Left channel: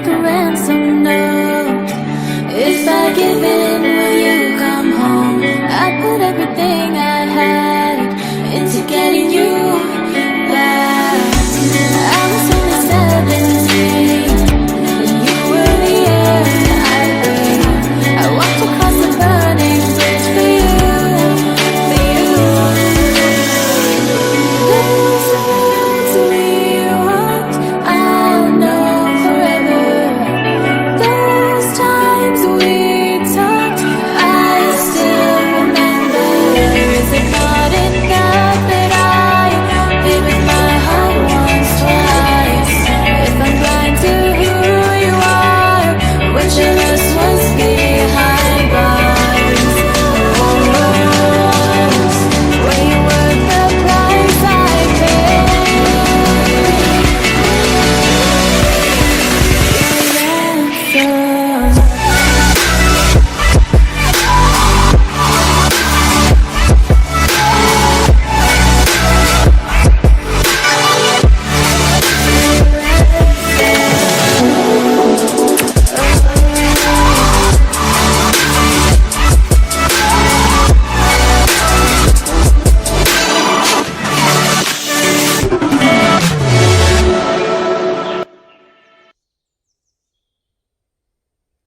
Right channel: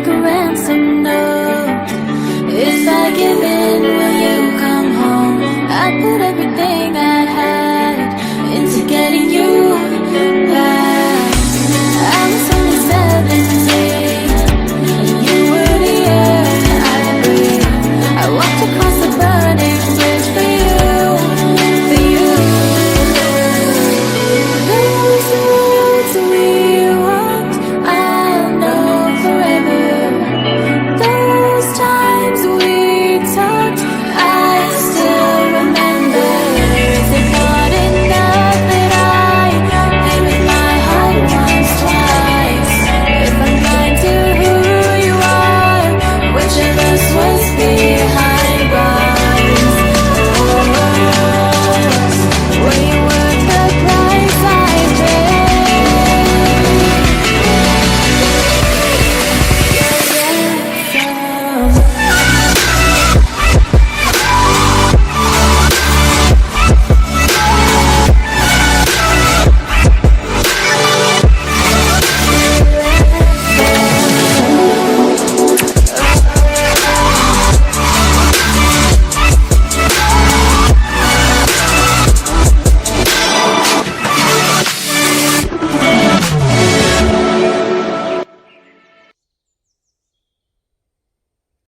like a ransom note. If I give in, will you come home? I put everything I had into getting you back.